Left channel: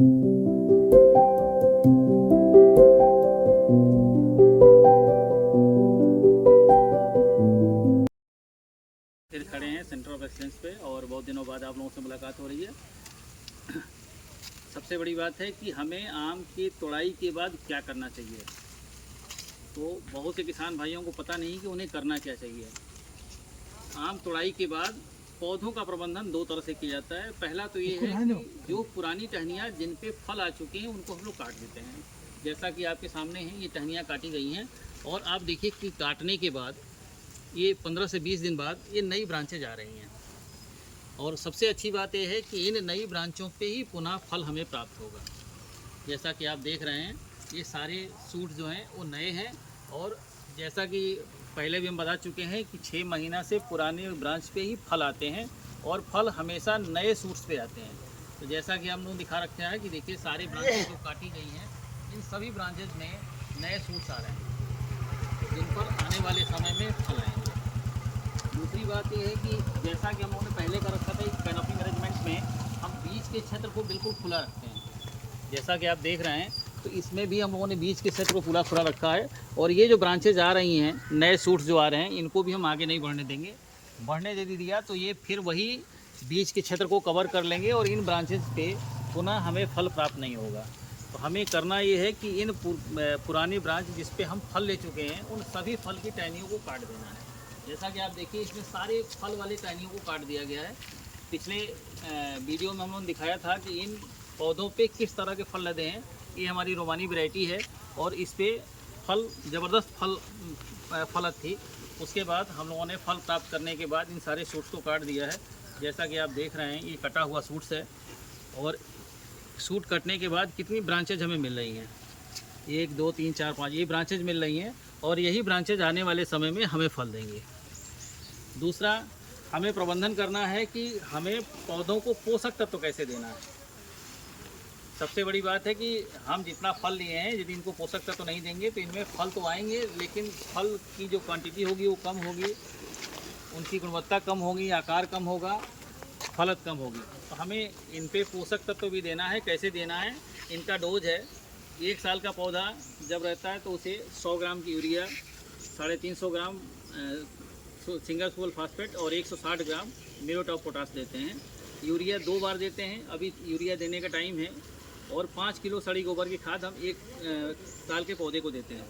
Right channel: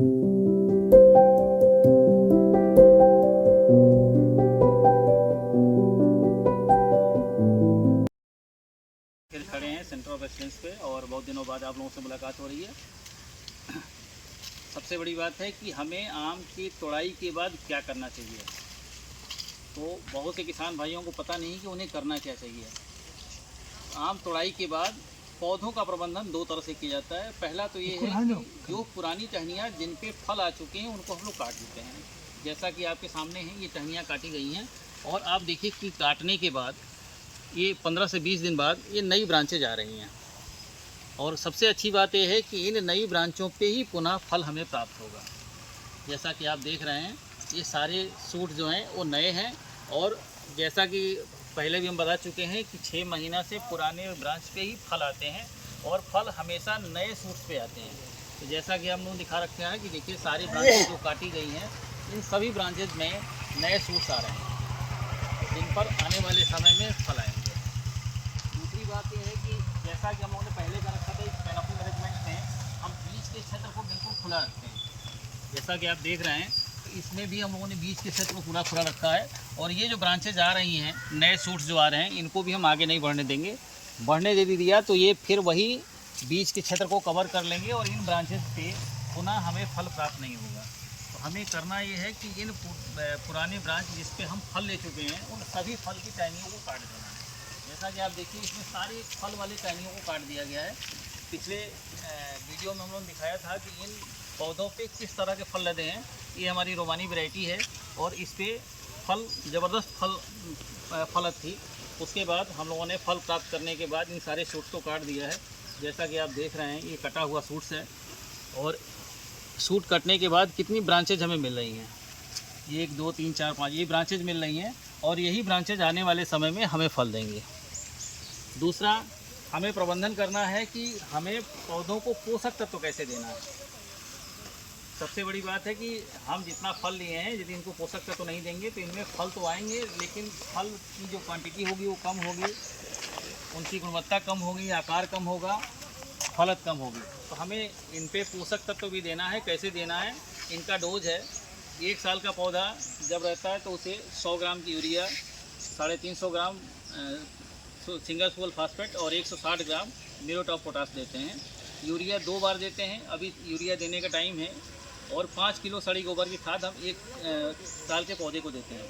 फिर खड़े हैं सेंटर ऑफ एक्सीलेंस पे और बहुत दिनों बाद आप लोगों से मुलाकात हो रही है। सबसे बड़ी बात है कि हमें आम की तोड़ाई के बाद क्या करना चाहिए। तो बहुत से किसान भाइयों को पता नहीं कि उन्हें करना क्या चाहिए। आम तोड़ाई के बाद पौधों का प्रबंधन दो तरह से किया जाता है। पहला तो ये है कि जो पुरानी टहनियाँ जिन पे फल आ चुके हैं उनको हम लोग काट देते हैं। जैसा कि आपके सामने हैं, ये टहनियाँ काटी गई हैं और आप देखिए कि काटने के बाद ये 15 से 20 दिन बाद ये नई ब्रांचेज आ रही हैं। और सबसे अच्छी बात यह है कि इन नई ब्रांचों पे ही पुनः फल हमें प्राप्त होगा। जैसा कि आप देख रहे हैं, ये सारे सूट जो हैं वो नए हैं। और जैसा कि पहले भी हम बता चुके हैं कि 6 महीना से पुराने ब्रांच पे ही फल आते हैं और फल हमेशा नए सूट्स पे आते हैं। तो जैसा कि हम लोग दिखा रखा है कि देखिए सारी ब्रांचेज जो काटी गई हैं, इन सभी ब्रांचेज में नए सूट्स आ रहे हैं जिन पर आने वाले समय में फल आएंगे। दूसरी बात यह है कि जैसा कि हम लोगों ने पहले कर रखा था, इस कैनोपी मैनेजमेंट में हम बीज के क्षेत्र को बिल्कुल खुला रखते हैं। जैसा कि आप देख रहे हैं, तो इसमें भी हम लोगों ने बीज के क्षेत्र को पूरा खुला रखा है। और ये जो ब्रांचेज आ रही हैं, नए सूट्स जो आ रहे हैं, इनको भी हम आगे नहीं बढ़ने देंगे। बढ़ने दे दिया तो ये फिर वही बीज के क्षेत्र को कवर कर लेंगे और इन ब्रांचेज से पुनः हमें फल प्राप्त नहीं होगा। तो हमें करना ये है कि इन पुराने ब्रांच जिस पे हम फल ले चुके हैं, उन सभी फल की टहनियों को काट देना है। जैसा कि आप देखिए, इसमें सारे फल वाले टहनियों को काट दिया गया है। पिछले वीडियो में हम लोगों ने दिखाया था कि इन पौधों पे किस तरह के फल लदे हैं। ये हमारी रोमानी वैरायटी है और इस पे फल ज़बरदस्त फलत थी। उसके बाद हम लोगों ने फल प्राप्त करने के बाद इन सारे सूट्स को काट दिया है। जैसा कि आप देख रहे हैं, ये कटा हुआ सूट्स है। और सूट कटने के बाद कितनी ब्रांचेज हमें मिल रही हैं, 1 2 3 4 5 ये ब्रांचेज मिल रही हैं और यही ब्रांचेज आने वाले समय में हमें फल देंगे। दूसरा, हमें प्रबंधन करना है कि हमें पौधों को पोषक तत्व कैसे देना है। सबसे बड़ी बात है कि हम जितना फल लिए हैं, यदि इनको पोषक तत्व नहीं देंगे तो इनमें फल तो आएंगे, लेकिन फल की जो क्वांटिटी होगी वो कम होगी, उनकी गुणवत्ता कम होगी, आकार कम होगा, फलत कम होगी। तो हमें इन पे पोषक तत्व भी देना है। कैसे देना है, इनका डोज है। 1 साल का पौधा जब रहता है तो उसे 100 ग्राम की यूरिया, 350 ग्राम सिंगल सुपर फास्फेट और 160 ग्राम म्यूरेट ऑफ पोटाश देते हैं। यूरिया 2 बार देते हैं, अभी यूरिया देने का टाइम है। और 5 किलो सड़ी गोबर की खाद हम 1 साल के पौधे को देते हैं।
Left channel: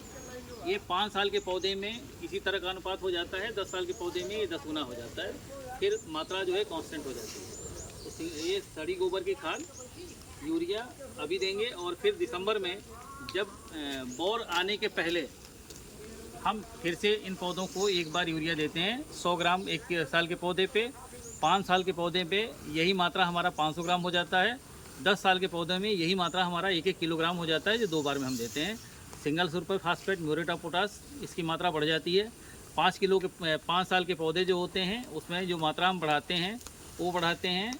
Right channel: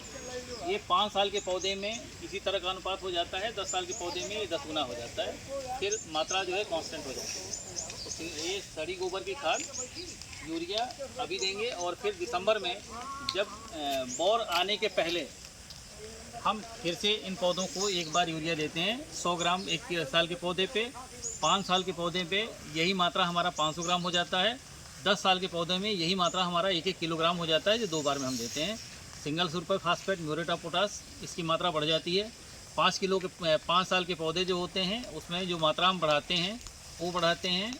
ये 5 साल के पौधे में इसी तरह का अनुपात हो जाता है, 10 साल के पौधे में ये 10 गुना हो जाता है। फिर मात्रा जो है कांस्टेंट हो जाती है। तो ये सड़ी गोबर की खाद, यूरिया अभी देंगे। और फिर दिसंबर में जब बौर आने के पहले हम फिर से इन पौधों को एक बार यूरिया देते हैं, 100 ग्राम 1 साल के पौधे पे। 5 साल के पौधे पे यही मात्रा हमारा 500 ग्राम हो जाता है। 10 साल के पौधे में यही मात्रा हमारा 1-1 किलोग्राम हो जाता है, जो 2 बार में हम देते हैं। Single super phosphate, muriate of potash, इसकी मात्रा बढ़ जाती है। 5 साल के पौधे जो होते हैं उसमें जो मात्रा हम बढ़ाते हैं वो बढ़ाते हैं,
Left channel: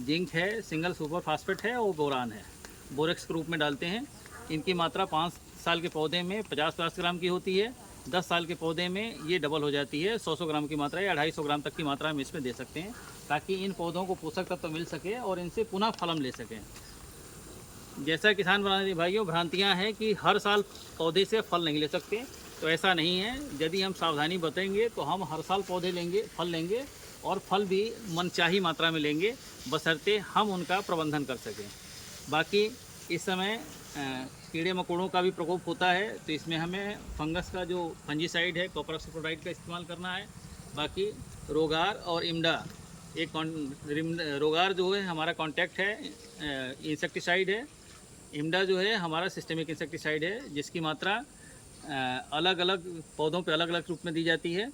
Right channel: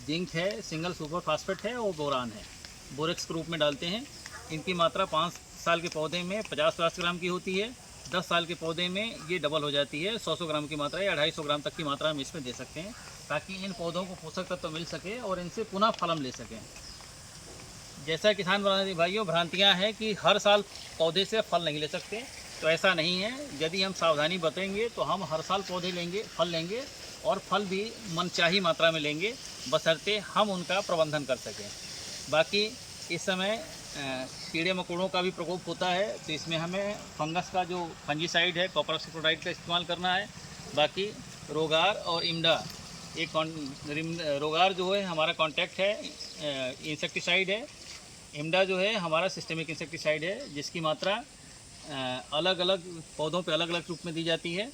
जिंक है, सिंगल सुपर फास्फेट है और बोरान है, बोरेक्स के रूप में डालते हैं। इनकी मात्रा 5 साल के पौधे में 50-50 ग्राम की होती है। 10 साल के पौधे में ये डबल हो जाती है, 100 ग्राम की मात्रा या 250 ग्राम तक की मात्रा हम इसमें दे सकते हैं, ताकि इन पौधों को पोषक तत्व मिल सके और इनसे पुनः फल हम ले सकें। जैसा किसान भाइयों भ्रांतियाँ हैं कि हर साल पौधे से फल नहीं ले सकते, तो ऐसा नहीं है। यदि हम सावधानी बरतेंगे तो हम हर साल पौधे लेंगे, फल लेंगे और फल भी मनचाही मात्रा में लेंगे, बशर्ते हम उनका प्रबंधन कर सकें। बाकी इस समय कीड़े मकोड़ों का भी प्रकोप होता है, तो इसमें हमें फंगस का जो फंजीसाइड है, कॉपर ऑक्सीक्लोराइड का इस्तेमाल करना है। बाकी रोगार और इम्डा, एक रोगार जो है हमारा कॉन्टैक्ट है इंसेक्टिसाइड है, इम्डा जो है हमारा सिस्टेमिक इंसेक्टिसाइड है, जिसकी मात्रा अलग अलग पौधों पे अलग अलग रूप में दी जाती है।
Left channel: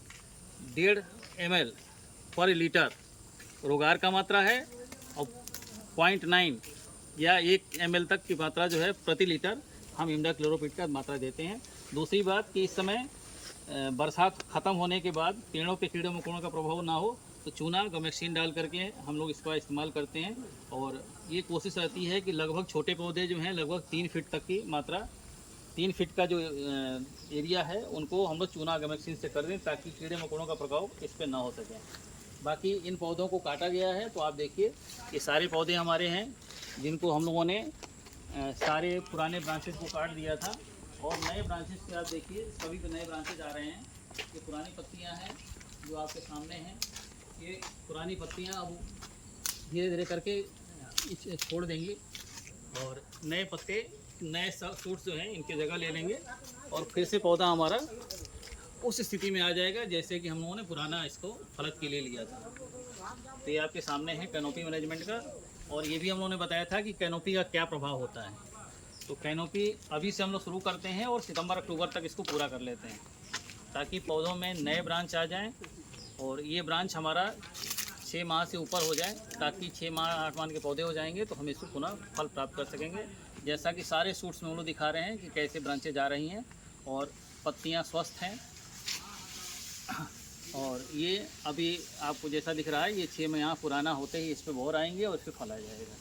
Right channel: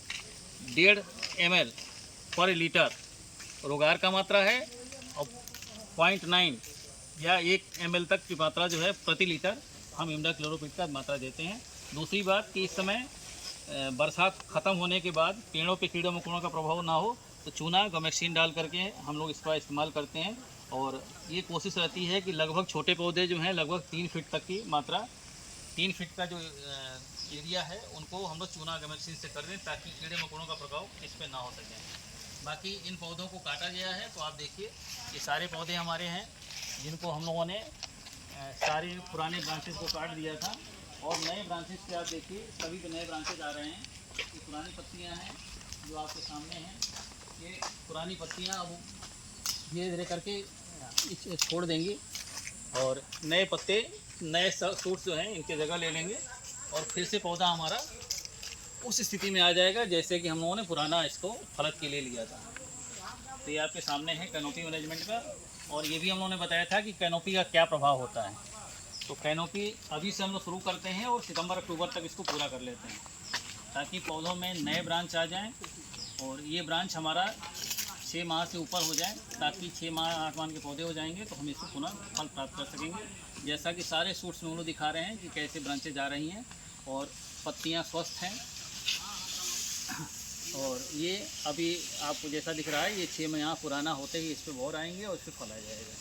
1.5 ml पर लीटर रोगार का मात्रा है और 0.9 या 1 ml तक की मात्रा जो है प्रति लीटर हम इम्डाक्लोरोपिड का मात्रा देते हैं। दूसरी बात कि इस समय बरसात ख़त्म होने के बाद पेड़ों पे कीड़े मकोड़ों का प्रभाव ना हो, तो चूना गमेक्सिन डाल करके हम लोग इसका इस्तेमाल करते हैं। और ये कोशिश रहती है कि लगभग छोटे पौधे जो हैं लगभग 3 फीट तक की मात्रा, 3 फीट का जो एरिया है उनको हम लोग चूना गमेक्सिन से कर दें, ताकि कीड़े मकोड़ों का प्रभाव इस पर ना हो सके। बाकी इन पौधों को काटा गया है, तो आप देखिए ये सारे पौधे हमारे हैं जिनको हम लोगों ने सारे पुराने ब्रांचेस को काट दिया था और नए ब्रांचेस पे आप देखिए सभी पे नए ब्रांचेस आ रहे हैं। ये पुरानी पत्तियां हैं जो आपके सामने हैं। ये पुरानी पत्तियां अब धीरे धीरे करके छोड़ देंगी और नए पत्ते नए सूट्स जो हैं इनकी जगह ले लेंगे और फिर से पौधा हमारा उस स्थिति में आ जाएगा जैसे कि हम लोगों ने पुराना इसको फलक के लिए लिया था। तो ये आपके सामने है कैनोपी मैनेजमेंट का। और ये भी हम लोगों ने बताया था कि कैनोपी का क्या प्रभाव होता है। तो कैनोपी अभी से हम लोग शुरू करते हैं और सितंबर अक्टूबर तक इसको पूरा कर लेते हैं ताकि पौधों में नए ब्रांच आ जाएं और ये ब्रांच हमारा 6 माह से ऊपर हो जाए ताकि 6 माह 8 माह के पौधे हो जाएंगे तो हम इसको पुनः फल प्राप्त कर सकेंगे। जैसा कि सारे सूट्स में हम लोग दिखा रहे हैं कि कैसे ब्रांचेज आ रही हैं और पत्तियां स्वस्थ हैं। और ये अभी आपको जैसा दिख रहा है ये 6 माह पुराना होते ही इस पर बौर आएंगे और इस पर फल आ जाएगा।